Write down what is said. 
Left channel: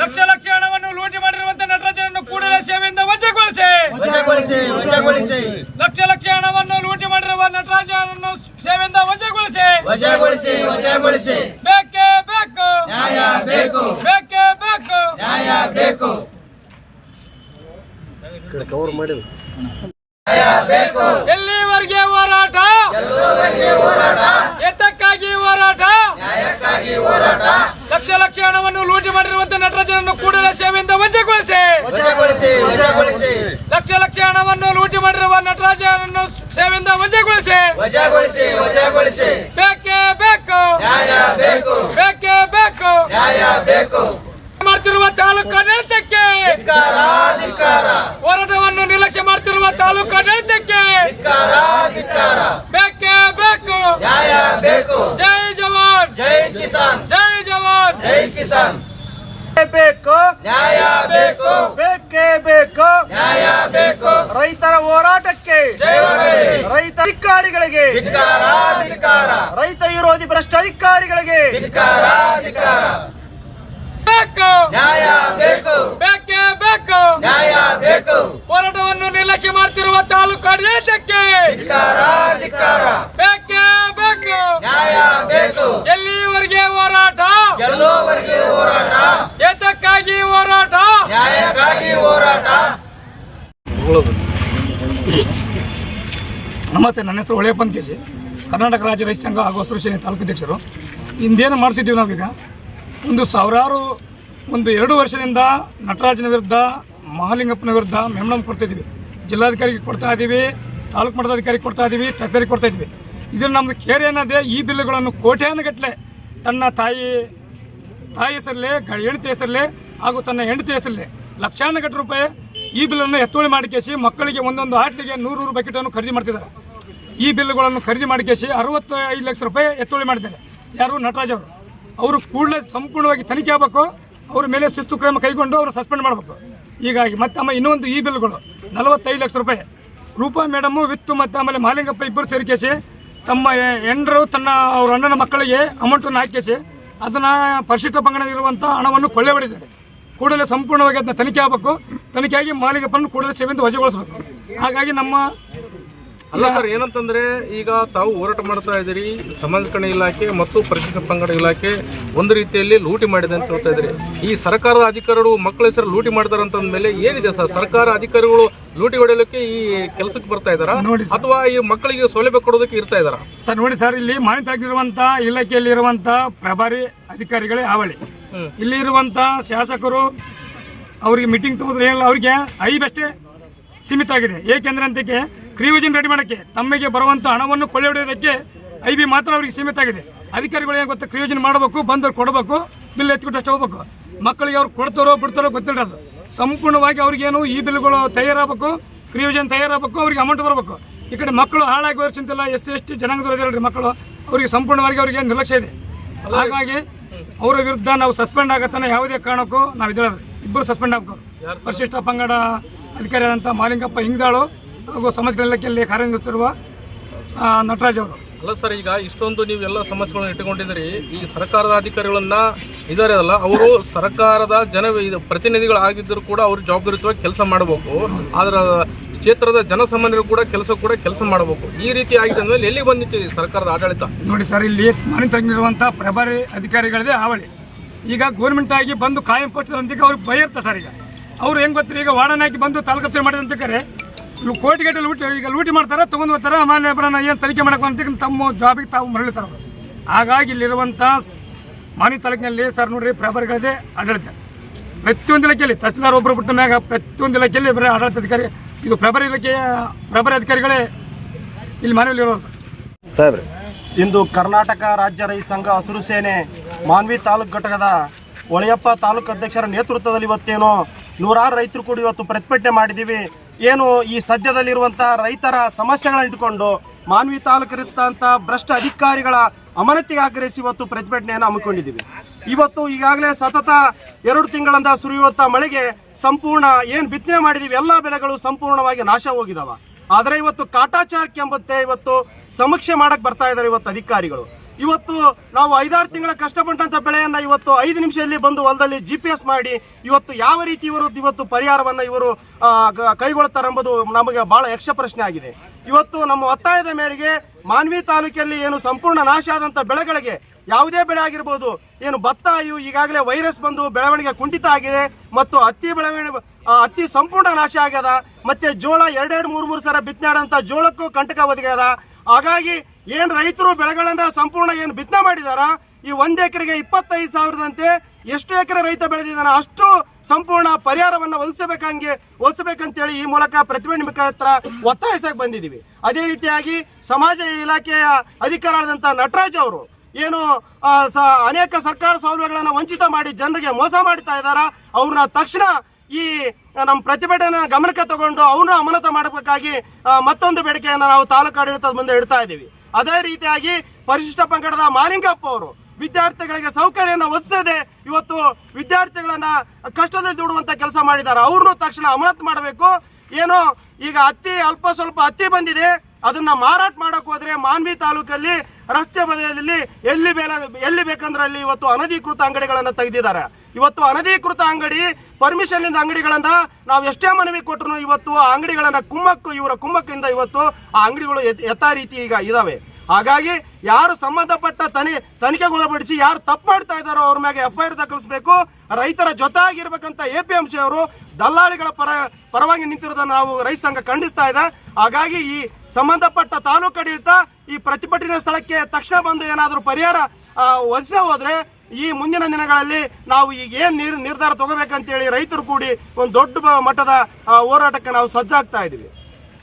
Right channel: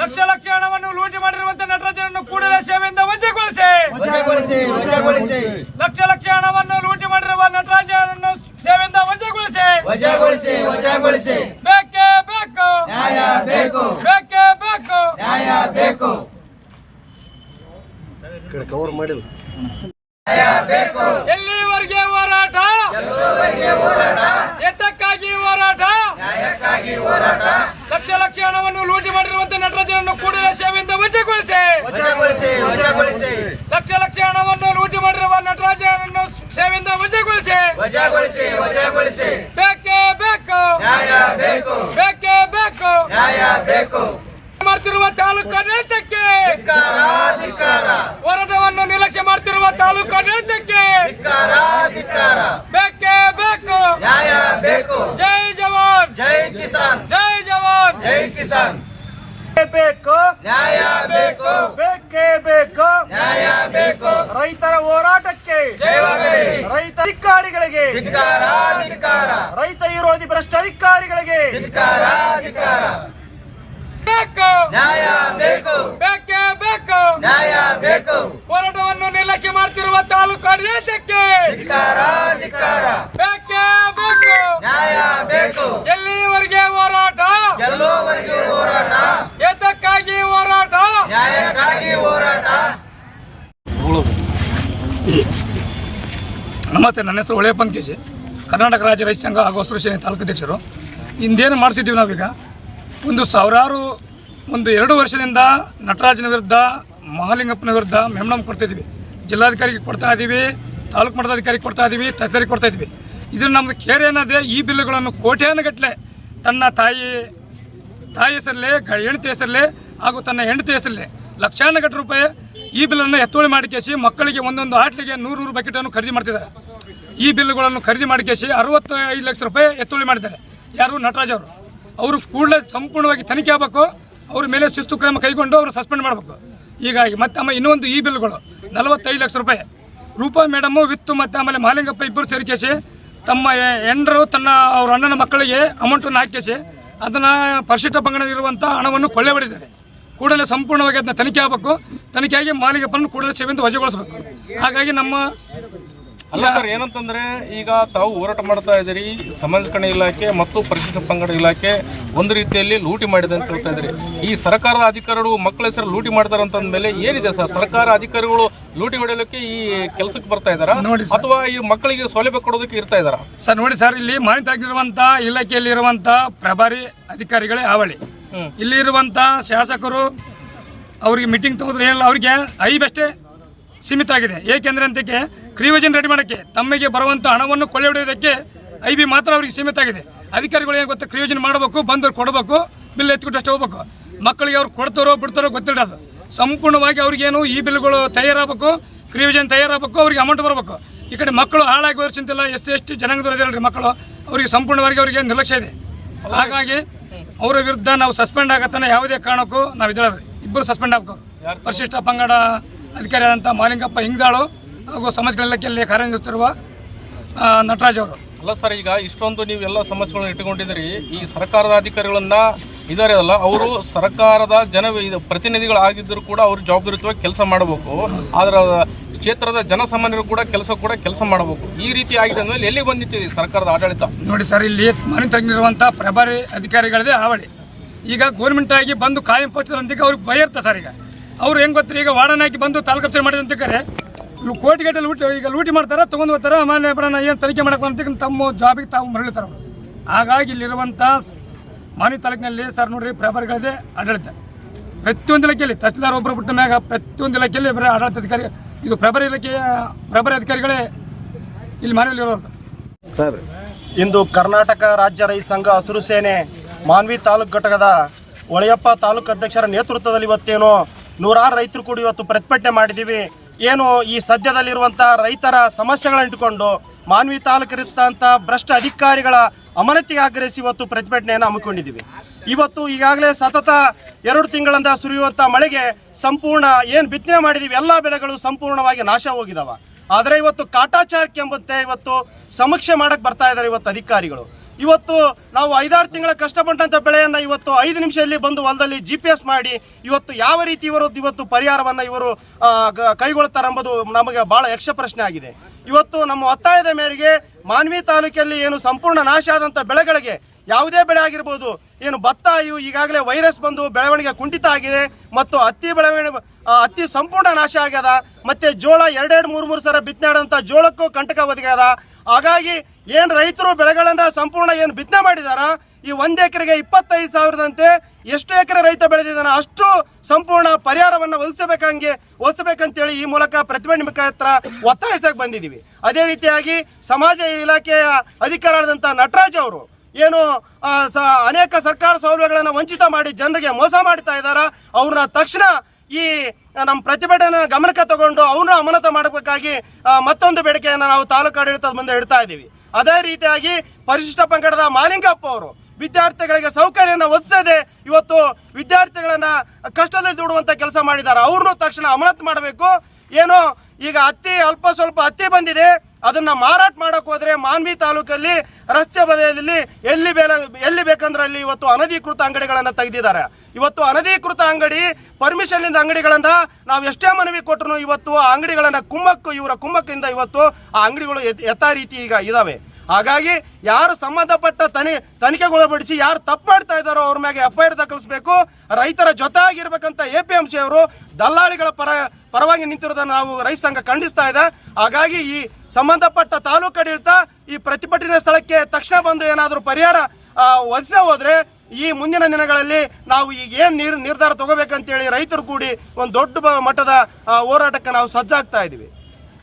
ಲಕ್ಷ ಲಕ್ಷ ಹಣವನ್ನು ಲೂಟಿ ಮಾಡಿರುವಂತಹ ನಟರಾಜನನ್ನು ಕೂಡಲೇ ಸೇವೆಯಿಂದ ವಜಾಗೊಳಿಸಿ. ಲಕ್ಷ ಲಕ್ಷ ಹಣವನ್ನು ಲೂಟಿ ಮಾಡಿರುವ ನಟರಾಜನನ್ನು ಸೇವೆಯಿಂದ ವಜಾಗೊಳಿಸಿ. ಬೇಕೇ ಬೇಕು, ಬೇಕೇ ಬೇಕು. ಎಲ್ಲಿವರೆಗೆ ಹೋರಾಟ? ಎತ್ತಕ್ಕಾಗಿ ಹೋರಾಟ. ಲಕ್ಷ ಲಕ್ಷ ಹಣವನ್ನು ಲೂಟಿ ಮಾಡಿರುವಂತಹ ನಟರಾಜನನ್ನು ಕೂಡಲೇ ಸೇವೆಯಿಂದ ವಜಾಗೊಳಿಸಿ. ಲಕ್ಷ ಲಕ್ಷ ಹಣವನ್ನು ಲೂಟಿ ಮಾಡಿರುವ ನಟರಾಜನನ್ನು ಸೇವೆಯಿಂದ ವಜಾಗೊಳಿಸಿ. ಬೇಕೇ ಬೇಕು, ಬೇಕೇ ಬೇಕು. ಮಾಡ್ತಿರುವ ತಾಲೂಕು ಆಡಳಿತಕ್ಕೆ, ಹೋರಾಟವನ್ನು ನಿರ್ಲಕ್ಷ್ಯ ಮಾಡ್ತಿರುವ ತಾಲೂಕು ಆಡಳಿತಕ್ಕೆ ಬೇಕೇ ಬೇಕು. ಜೈ ಜವಾನ್, ಜೈ ಕಿಸಾನ್, ಜೈ ಜವಾನ್, ಜೈ ಕಿಸಾನ್. ಬೇಕು, ನ್ಯಾಯ ಬೇಕು, ಬೇಕೇ ಬೇಕು, ನ್ಯಾಯ ಬೇಕು. ರೈತರ ಹೋರಾಟಕ್ಕೆ, ರೈತ ಅಧಿಕಾರಿಗಳಿಗೆ, ರೈತ ವಿರೋಧಿ ಭ್ರಷ್ಟ ಅಧಿಕಾರಿಗಳಿಗೆ ಬೇಕು, ನ್ಯಾಯ ಬೇಕು, ಬೇಕೇ ಬೇಕು, ನ್ಯಾಯ ಬೇಕು. ಹೋರಾಟವನ್ನು ನಿರ್ಲಕ್ಷ್ಯ ಮಾಡ್ತಿರುವ ತಾಲೂಕು ಆಡಳಿತಕ್ಕೆ ಬೇಕೇ ಬೇಕು, ನ್ಯಾಯ ಬೇಕು. ಎಲ್ಲಿವರೆಗೆ ಹೋರಾಟ? ಗೆಲ್ಲುವವರೆಗೆ ಹೋರಾಟ, ಏತಕ್ಕಾಗಿ ಹೋರಾಟ? ನ್ಯಾಯಕ್ಕಾಗಿ ಹೋರಾಟ. ನಮಸ್ತೆ, ನನ್ನ ಹೆಸರು ಹೊಳೆಯಪ್ಪನ್ ಕೇಶಿ, ಕರ್ನಾಟಕ ರಾಜ್ಯ ರೈತ ಸಂಘ ಹಾಗೂ ಹಸಿರು ಸೇನೆ ತಾಲೂಕು ಅಧ್ಯಕ್ಷರು. ಇಂದೇನು ಮಾಡ್ತಿದ್ದೀವಿ ನಾವೀಗ, ಒಂದು 2 ವರ್ಷದಿಂದ ನಟರಾಜನ ವಿರುದ್ಧ, ಮಹಾಲಿಂಗಪ್ಪನ ವಿರುದ್ಧ ಮೆಮೊರಂ ಕೊಡ್ತಾಯಿದ್ದೀವಿ. ಜಿಲ್ಲಾಧಿಕಾರಿಗೆ ಕೊಡ್ತಾ ಇದ್ದೀವಿ, ತಾಲೂಕು ಮಟ್ಟದ ಅಧಿಕಾರಿಗೆ ಕೊಡ್ತಾ ಇದ್ದೀವಿ, ತಹಸೀಲ್ದಾರಿಗೆ ಕೊಡ್ತಾ ಇದ್ದೀವಿ. ಇದನ್ನು ನಮ್ಮದು ಕೇರ್ ಏನಾದರೆ, ಈ ಬಿಲ್ಲುಗಳನ್ನು ಕೋಟ್ಯಾನುಗಟ್ಟಲೆ ತನ್ನ ತಾಯಿ ಹೆಸರಲ್ಲೇ, ಹೆಂಡತಿ ಹೆಸರಲ್ಲೇ ಹಾಗೂ ತನ್ನ ಹೆಂಡತಿ ಹೆಸರಲ್ಲೇ ಲಕ್ಷಾನುಗಟ್ಟಲೆ ರೂಪಾಯಿ ಈ ಬಿಲ್ಲನ್ನು ಎತ್ತುವಳಿ ಮಾಡಿಕೇಸಿ ಮಕ್ಕಳಿಗೆ ಒಂದೊಂದು ಆಟ್ಲಿಗೆ 100 ಬಕೆಟನ್ನು ಖರೀದಿ ಮಾಡ್ತಿದ್ದಾರೆ. ಈ ಬಿಲ್ಲುಗಳನ್ನು ಖರೀದಿ ಮಾಡಿಕೇಸಿ 65 ಲಕ್ಷ ರೂಪಾಯಿ ಎತ್ತುವಳಿ ಮಾಡಿದ್ದಾರೆ. ಯಾರು? ನಟರಾಜ್ ಅವರು ಕೂಡಲೇ ಸಂಪೂರ್ಣವಾಗಿ ತನಿಖೆ ಆಗಬೇಕು. ಅವ್ರ ಮೇಲೆ ಶಿಸ್ತು ಕ್ರಮ ಕೈಗೊಂಡು ಅವರು ಸಸ್ಪೆಂಡ್ ಮಾಡಬೇಕು. ಹೀಗಾಗಿ ಮತ್ತೆ ಆಮೇಲೆ ಇನ್ನೊಂದು ಈ ಬಿಲ್ಗಳು 45 ಲಕ್ಷ ರೂಪಾಯಿ ರೂಪಾ ಮೇಡಮು ವಿತ್ತು ಮತ್ತು ಆಮೇಲೆ ಮಹಾಲಿಂಗಪ್ಪ ಇಬ್ಬರು ಸೇರಿಕೇಸಿ ತಮ್ಮ ಹೆಂಡರು ಅವ್ರ ಅಣ್ಣನ ಮಕ್ಕಳಿಗೆ ಅಮೌಂಟನ್ನು ಹಾಕಿಸಿ ಅದನ್ನು ಪರಿಶಿಷ್ಟ ಪಂಗಡದಲ್ಲಿರುವಂಥ ಹಣವನ್ನು ಕೊಳ್ಳೆ ಹೊಡೆದಿದ್ದಾರೆ. ಕೂಡಲೇ ಸಂಪೂರ್ಣವಾಗಿ ಅದನ್ನ ತನಿಖೆ ಆಗಬೇಕು. ತನಿಖೆಯಾಗಿ ಮಹಾಲಿಂಗಪ್ಪನ ಕೂಡಲೇ ಸೇವೆಯಿಂದ ವಜಾಗೊಳಿಸಬೇಕು. ಹಾಗಾಗಿ ನಮ್ಮ ಅಲ್ಲ ಸರ್, ಏನಂತಂದ್ರೆ ಈಗ ತಾವು ಹೋರಾಟ ಮಾಡ್ತಾ ಇದ್ದೀರಿ, ಸಂಬಂಧಪಟ್ಟ ಇಲಾಖೆ ಮತ್ತು ಪರಿಶಿಷ್ಟ ಪಂಗಡ ಇಲಾಖೆ ಒಂದು ರೀತಿಯಲ್ಲಿ ಲೂಟಿ ಮಾಡಿದೆ ಅಂತ ಹೇಳ್ತಾ ಇದ್ದೀರಿ. ಈ ಸರ್ಕಾರದ ಅಧಿಕಾರಿಗಳು ಮಕ್ಕಳ ಹೆಸರು ಲೂಟಿ ಮಾಡ್ತಾರೆ ಅಂತಂದ್ಮೇಲೆ ಏನಿದೆ ಸರ್? ಸರ್ಕಾರ ಅಧಿಕಾರಿಗಳು ಲೂಟಿ ಹೊಡೆಯಲಿಕ್ಕೆ ಈ ಕೆಲಸಕ್ಕೆ ಬರ್ತಾ ಇದ್ದಾರಾ ಅಥವಾ ಈ ಮಕ್ಕಳಿಗೆ ಸೌಲಭ್ಯ ಕೊಡೋದಕ್ಕೆ ಇರ್ತಾ ಇದ್ದಾರಾ? ಸರ್ ನೋಡಿ ಸರ್, ಇಲ್ಲಿ ಮಾಹಿತಿ ಆಗಿರುವಂತ ಇಲಾಖೆಯಲ್ಲಿರುವಂತ ಪ್ರಭಾರಿ ಅಧಿಕಾರಿಗಳೇ ಹಾವಳಿ. ಇಲ್ಲಿ ಇರುವಂತ ಶಾಸಕರು ಅವರಿಗೆ ಮೀಟಿಂಗ್ ತಗೋದ್ರೆ ಏನಿಲ್ಲ, ಅವರಿಗೆ ಐಬಷ್ಟೇ ಸೀಮಿತ ಆಗಿದೆ. ಏಕೆಂದ್ರೆ ಅಂತಕ್ಕೆ ಕ್ರಿಯೋಜನ್ ರೆಡಿ ಮಾಡೋಕ್ಕೆ, ತಮಗೆ ಬರುವಂಥ ಹಣವನ್ನು ಕೊಳ್ಳೆ ಹೊಡೆಯೋದಕ್ಕೆ ಐಬಿ ಮಾತ್ರ ಅವ್ರಿಗೆ ಸೀಮಿತ ಆಗಿದೆ. ಅಧಿಕಾರಿಗಳು ಏನು ಗೊತ್ತಾ, ಕ್ರಿಯೋಜನ್ ಮಾಡಬೇಕು, ಬಂದವ್ರು ಕೊಡಬೇಕು, ಬಿಲ್ ಎತ್ಕೊಟ್ಟು ಅಷ್ಟೇ ಹೋಗ್ಬೇಕು. ಮಕ್ಕಳಿಗೆ ಅವ್ರು ಕೊಡ್ತಾರೋ ಬಿಡ್ತಾರೋ ಗೊತ್ತಿರೋದು. ಸಂಪೂರ್ಣವಾಗಿ ಅವ್ರಿಗೇನು ಈ ಬಿಲ್ಗಳು ತಯಾರಾಗಬೇಕು, ಕ್ರಿಯೋಜನ್ ತಯಾರಾಗಬೇಕು, ಅವ್ರಿಗೆ ಅಮೌಂಟ್ ಬರಬೇಕು. ಈ ಕಡೆ ಮಕ್ಕಳು ಹಾಳಾಗಿ ಹೋಗಿ ಚಿಂತಿಲ್ಲ, SC ಜನಾಂಗದವರಲ್ರಿ ಮಕ್ಕಳು, ಅವರಿಗೆ ಸಂಪೂರ್ಣವಾಗಿ ಅವರಿಗೆ ನಿರ್ಲಕ್ಷ್ಯ ಇದೆ. ಹಾಗಾಗಿ ಅವರ ವಿರುದ್ಧ ನಾವು ಸಸ್ಪೆಂಡ್ ಆಗತ್ತಾನೆ ಯಾವುದೇ ಕಾರಣಕ್ಕೂ ನಾವು ಇದ್ದೇವೆ. ಇಬ್ಬರು ಸಸ್ಪೆಂಡ್ ಆಗಬೇಕು. ಪರಿಶಿಷ್ಟ ಪಂಗಡ ಅಧಿಕಾರಿ ಆದಂಥ ಮಹಾಲಿಂಗಪ್ಪ ಹಿಂಗಾಳು ಹಾಗೂ ಸಮಾಜ ಇಲಾಖೆಯಲ್ಲಿ ಕಾರ್ಯನಿರ್ವಹಿಸುತ್ತಿರುವ ನಟರಾಜ್ ಅವರು. ಅಲ್ಲ ಸರ್, ಈಗ ಇಷ್ಟೊಂದು ನೀವೆಲ್ಲ ಸಮಸ್ಯೆಗಳನ್ನು ಇಟ್ಟುಕೊಂಡಿದ್ದೀರಿ. ಈ ಸರ್ಕಾರದ ಅಧಿಕಾರಿಗಳನ್ನ ಇದ್ದಾರೆ ಅಲ್ಲ, ಅವರು ಸರ್ಕಾರದ ಪ್ರತಿನಿಧಿಗಳಾಗಿದ್ದರೂ ಕೂಡ ಅವರು ಜವಾಬ್ದಾರಿಯುತವಾಗಿ ಕೆಲಸ ಮಾಡಬೇಕು. ಆದ್ರೆ ಕ್ಷೇತ್ರದ ಜನಸಾಮಾನ್ಯರು ಕೂಡ ಕೆಲಸ ಮಾಡಬೇಕು. ಈ ರೀತಿ ಆಗಿದೆ ಅಂದ್ರೆ ಎಲ್ಲಿ ಬಂದಿಟ್ಟಿದೆ ಸರ್ಕಾರದ ಆಡಳಿತ? ನೋಡಿ ಸರ್, ಇಲ್ಲಿ ಮಾನಿಟರಿಂಗ್ ಪ್ರಭಾರಿ ಅಧಿಕಾರಿಗಳದೇ ಹಾವಳಿ. ಈಗ ಗೌರ್ಮೆಂಟ್ ಆಗಿ ಬಂದು ಕಾಯಂ ಪೋಸ್ಟಂತ ಅವ್ರಿಗೆ ಭಯ ಇರ್ತಾರೆ ಸರ್. ಈಗ ಅವ್ರು ಹೆಂಗೆ ಗೊತ್ತಾರೆ, ಈಗ ವಾರ್ಡನ್ ಹಾಕಿ ಬಂದು ತಾಲೂಕು ಮಾಡಿದಂತಕ್ಕಾರೆ ಕೋಟಿಗಟ್ಟೆ ಲೂಟಿ ಮಾಡ್ತಾರೆ, ತೊಗೊಂಡು ಹೋಗ್ತಾರೆ. ಮಾನ್ಯ ಏನು ತನಿಖೆ ಮಾಡಕ್ಕೆ ಅಂತ ತಮ್ಮ ಜಾಬಿಗೆ ತಾವು ಮರಳುತ್ತಾರೆ. ಹಾಗಾಗಿ ಇಲ್ಲಿರುವಂಥ ಮಾನ್ಯ ತಾಲೂಕಿನಲ್ಲಿ ಸರ್ ನೋಡ್ರಿ, ಪ್ರಭಾರಿಗಳದೇ ಆಡಳಿತ. ಪ್ರತಿಯೊಂದು ಇಲಾಖೆಯಲ್ಲಿ ತಹಸೀಲ್ದಾರ್ ಒಬ್ಬರು ಬಿಟ್ಟ ಮ್ಯಾಗ ಪ್ರತಿಯೊಂದು ಇಲಾಖೆಯಲ್ಲಿ ಬರೀ ಆಡಳಿತ ಅಧಿಕಾರಿ, ಇದು ಪ್ರಭಾರಿ ಅಧಿಕಾರಿಗಳೇ ಇಲ್ಲಿ ಮನೆಯಲ್ಲಿರೋರು. ಸರ್, ಇಂದು ಕರ್ನಾಟಕ ರಾಜ್ಯ ರೈತ ಸಂಘ ಹಸಿರು ಸೇನೆ ಮಾನ್ವಿ ತಾಲೂಕು ಘಟಕದ ಹೊಳೆಯಪ್ಪ ತಾಲೂಕು ಅಧ್ಯಕ್ಷರ ನೇತೃತ್ವದಲ್ಲಿ ಇವತ್ತೇನು 100 ರೈತರು ಕೂಡ ಇವತ್ತು ಪ್ರತಿಭಟನೆ ಮಾಡಿದ್ದೀವಿ. ಏನು ಈ ಸದ್ಯದಲ್ಲಿರುವಂಥ ರೈತರ ಸಮಸ್ಯೆಗಳನ್ನು ಇಟ್ಟುಕೊಂಡು ಮಾನ್ವಿ ತಾಲೂಕಿರುತ್ತಂಥ ಭ್ರಷ್ಟ ಅಧಿಕಾರಿಗಳ ಅಮಾನತಿಗೆ ಆಗ್ರಹಿಸಿ ಇವತ್ತು ಪ್ರತಿಭಟನೆಯನ್ನು ಹಮ್ಮಿಕೊಂಡಿದ್ದೀವಿ. ಇವತ್ತು ಈಗಾಗಲೇ ಸತತ 2 ತಿಂಗಳಿಂದ ಸುರಿಯುವಂಥ ಮಳೆಗೆ ಸಂಪೂರ್ಣ ಏನು ಬಿತ್ತನೆ ಮಾಡಿದ್ದೀವಿ ಎಲ್ಲ ಬೆಳೆಗಳು ಸಂಪೂರ್ಣವಾಗಿ ನಾಶ ಹೋಗಿದಾವೆ. ಆದರೆ ಇವತ್ತು ಕಾಟಾಚಾರಕ್ಕೆ ಎಂಬಂತೆ ಇವತ್ತು ಸಮೀಕ್ಷೆ ಮಾಡಕ್ಕೆ ಬರ್ತಾ ಇದ್ದಾರೆ ಇವತ್ತು ಅಧಿಕಾರಿಗಳು. ಇವತ್ತು ನಾವು 5-6 ತಿಂಗಳ ಕಷ್ಟಪಟ್ಟಂಥ ಬೆಳೆಯನ್ನು ಇವತ್ತು 5 ನಿಮಿಷದಲ್ಲಿ ಬಂದು ಹೊಲದಲ್ಲಿ GPS ಮಾಡಿ ಇವತ್ತು ಯಾವ ರೀತಿ ಇವತ್ತು ಪರಿಹಾರವನ್ನು ಇವರು ಕೈಗೊಳ್ತಾರೆ ಎಂಬುದು ನಮಗೆ ಭಾಳ ಯಕ್ಷ ಪ್ರಶ್ನೆ ಆಗಿದೆ. ಇವತ್ತು ನಮ್ಮ ಒತ್ತಾಯದ ಮೇರೆಗೆ ಮಾನ್ವಿ ತಾಲೂಕಲ್ಲಿ ಏನು ಸಂಪೂರ್ಣ ನಾಶ ಆದಂಥ ಬೆಳೆಗಳಿಗೆ ಯಾವುದೇ ಬೆಳೆ ಆಗಿರ್ಬೋದು, ಏನು ಭತ್ತ ಇವು ಈಗಾಗಲೇ ವೈರಸ್ ಬಂದು ಬೆಳವಣಿಗೆ ಕುಂಠಿತ ಆಗಿದೆ ಮತ್ತು ಹತ್ತಿ ಸಂಪೂರ್ಣ ನಾಶ ಆಗ್ಯದ. ಮತ್ತು ಜೋಳ 2-3 ಸಲ ಬಿತ್ತನೆ ಆದಂಥ ಜೋಳಕ್ಕೂ ಕಂಟಕ ಒದಗ್ಯದ. ಹಾಗಾಗಿ ಏನು ರೈತರು ಬೆಳೆಗಳನ್ನು ಸಂಪೂರ್ಣ ಏನು ಬಿತ್ತನೆ ಮಾಡಿದಾರ, ಈ 1 ಎಕರೆಗೆ 25,000ದಂತೆ ಎಷ್ಟು ಎಕರೆ ರೈತ ಬೆಳೆದಿದ್ದಾನೆ ಅಷ್ಟು ಸಂಪೂರ್ಣ ಪರಿಹಾರವನ್ನು ಒದಗಿಸಬೇಕಂತೇಳಿ ಈ ಮೂಲಕ ಪ್ರತಿಭಟನೆ ಮುಖಾಂತರ ಒತ್ತಾಯಿಸಕ್ಕೆ ಬಂದಿದ್ದೀವಿ. ಅದೇ ರೀತಿಯಾಗಿ ಸಮಾಜ ಇಲಾಖೆಯ ಅಧಿಕಾರಿಯಾದಂಥ ನಟರಾಜ್ ಅವರು ಏನು ಅನೇಕ ಸರ್ಕಾರ ಸೌಲಭ್ಯಗಳನ್ನು ವಂಚಿತ ಮಾಡಿ ಜನರಿಗೆ ಮೋಸ ಮಾಡ್ತಾ ಇದ್ದಾರೆ, ಅವ್ರನ್ನ ತಕ್ಷಣ ಈ ನಮ್ಮ ಪ್ರತಿಭಟನೆ ಗಮನಕ್ಕೆ ತಗೊಂಡು ಅವ್ರನ್ನ ಅಮಾನತು ಮಾಡಬೇಕಾಗಿ ಮತ್ತೊಂದು ಬೇಡಿಕೆಯನ್ನು ನಾವು ತಾಲೂಕು ಆಡಳಿತದ ಮುಂದೆ ಇಡ್ತಾ ಇದ್ದೀವಿ. ಅದೇ ರೀತಿಯಾಗಿ ಪರಿಶಿಷ್ಟ ಪಂಗಡದ ಮಾಲಿಂಗಪ್ಪ ಅವರು ವಿದ್ಯಾರ್ಥಿಗಳಿಗೆ ಸೌಕರ್ಯನ ಒದಗಿಸದೆ ಇವತ್ತು ವಿದ್ಯಾರ್ಥಿಗಳನ್ನ ಕಷ್ಟದಲ್ಲಿ ದುಡುವಂಥ ಕೆಲಸ ಮಾಡಿದ್ದಾರೆ, ಅವ್ರನ್ನೂ ತಕ್ಷಣ ಅಮಾನತು ಮಾಡಬೇಕು. ಏನೋ ಈಗ ಅಲ್ಪ ಸ್ವಲ್ಪ ಹತ್ತಿ ಬಂದಿದೆ, ಅದನ್ನ ಮಾರಾಟ ಮಾಡಕ್ಕೆ ಹೋದ್ರೆ ಮಾನ್ವಿ ತಾಲೂಕಲ್ಲಿ ರಸ್ತೆ ಬದಿಯಲ್ಲಿ ಎಲ್ಲಿ ಬೇಕಂದ್ರೆ ಅಲ್ಲಿ ಇವತ್ತು ಅನಧಿಕೃತ ಅಂಗಡಿಗಳನ್ನು ತೆಗೆದಿದ್ದಾರೆ. ಇವತ್ತು ಅನಧಿಕೃತ ಅಂಗಡಿ ಪರ್ಮಿಷನ್ನಿಂದ ಅಂಗಡಿಗಳನ್ನ ನಾವು ಎಷ್ಟೇ ಮನವಿ ಕೊಟ್ಟರು ಇವತ್ತು ಆ ಅಂಗಡಿಗಳನ್ನ ಇವರ ಕುಮ್ಮಕ್ಕಿಂದ ಇವತ್ತು ಆ ಅಂಗಡಿಗಳು ಯಥಾ ರೀತಿ ಈಗ ಇದಾವೆ. ಹಾಗಾಗಿ ಯಾರು ಸಂಬಂಧಪಟ್ಟ ತನಿಖೆಗೊಳಪಡಿಸಿ ಯಾರು ತಪ್ಪು ಮಾಡ್ತಾ ಇದ್ದಾರೋ ಅವ್ರ ಮ್ಯಾಗೆ FIR ದಾಖಲಿಸಬೇಕು. ರೈತರ ಜೊತೆ ಆಗಿರ್ಬೇಕಂತ APMC ಅವರು ದಲ್ಲಾಳಿಗಳ ಪರವಾಗಿ ನಿಂತಿರೋದನ್ನು ನಾವು ರೈತ ಸಂಘ ಖಂಡಿಸ್ತಾ ಇದೆ. ಹಾಗಾಗಿ ಈ ಸಂಬಂಧಪಟ್ಟ ತಾಲೂಕು ಆಡಳಿತ ಈ ಪ್ರತಿಭಟನೆ ಸ್ಥಳಕ್ಕೆ ತಕ್ಷಣ ಬಂದು ಏನಾದರೂ ಪರಿಹಾರ ಒದಗಿಸೇ ಹೋದ್ರೆ ಈ ಮುಂದಿನ ದಿನಗಳಲ್ಲಿ ನಾವು ಈಗ ಏನು ನಿರ್ಧಾರ ತಗೋಬೇಕಂತೇಳಿ ರೈತರು ಕೂಡಿ ಒಂದು ದೊಡ್ಡ ಮಟ್ಟದ ಹೋರಾಟಕ್ಕೆ ನಾವು ಸಜ್ಜಾಗ್ತಾ ಇದ್ದೀವಿ.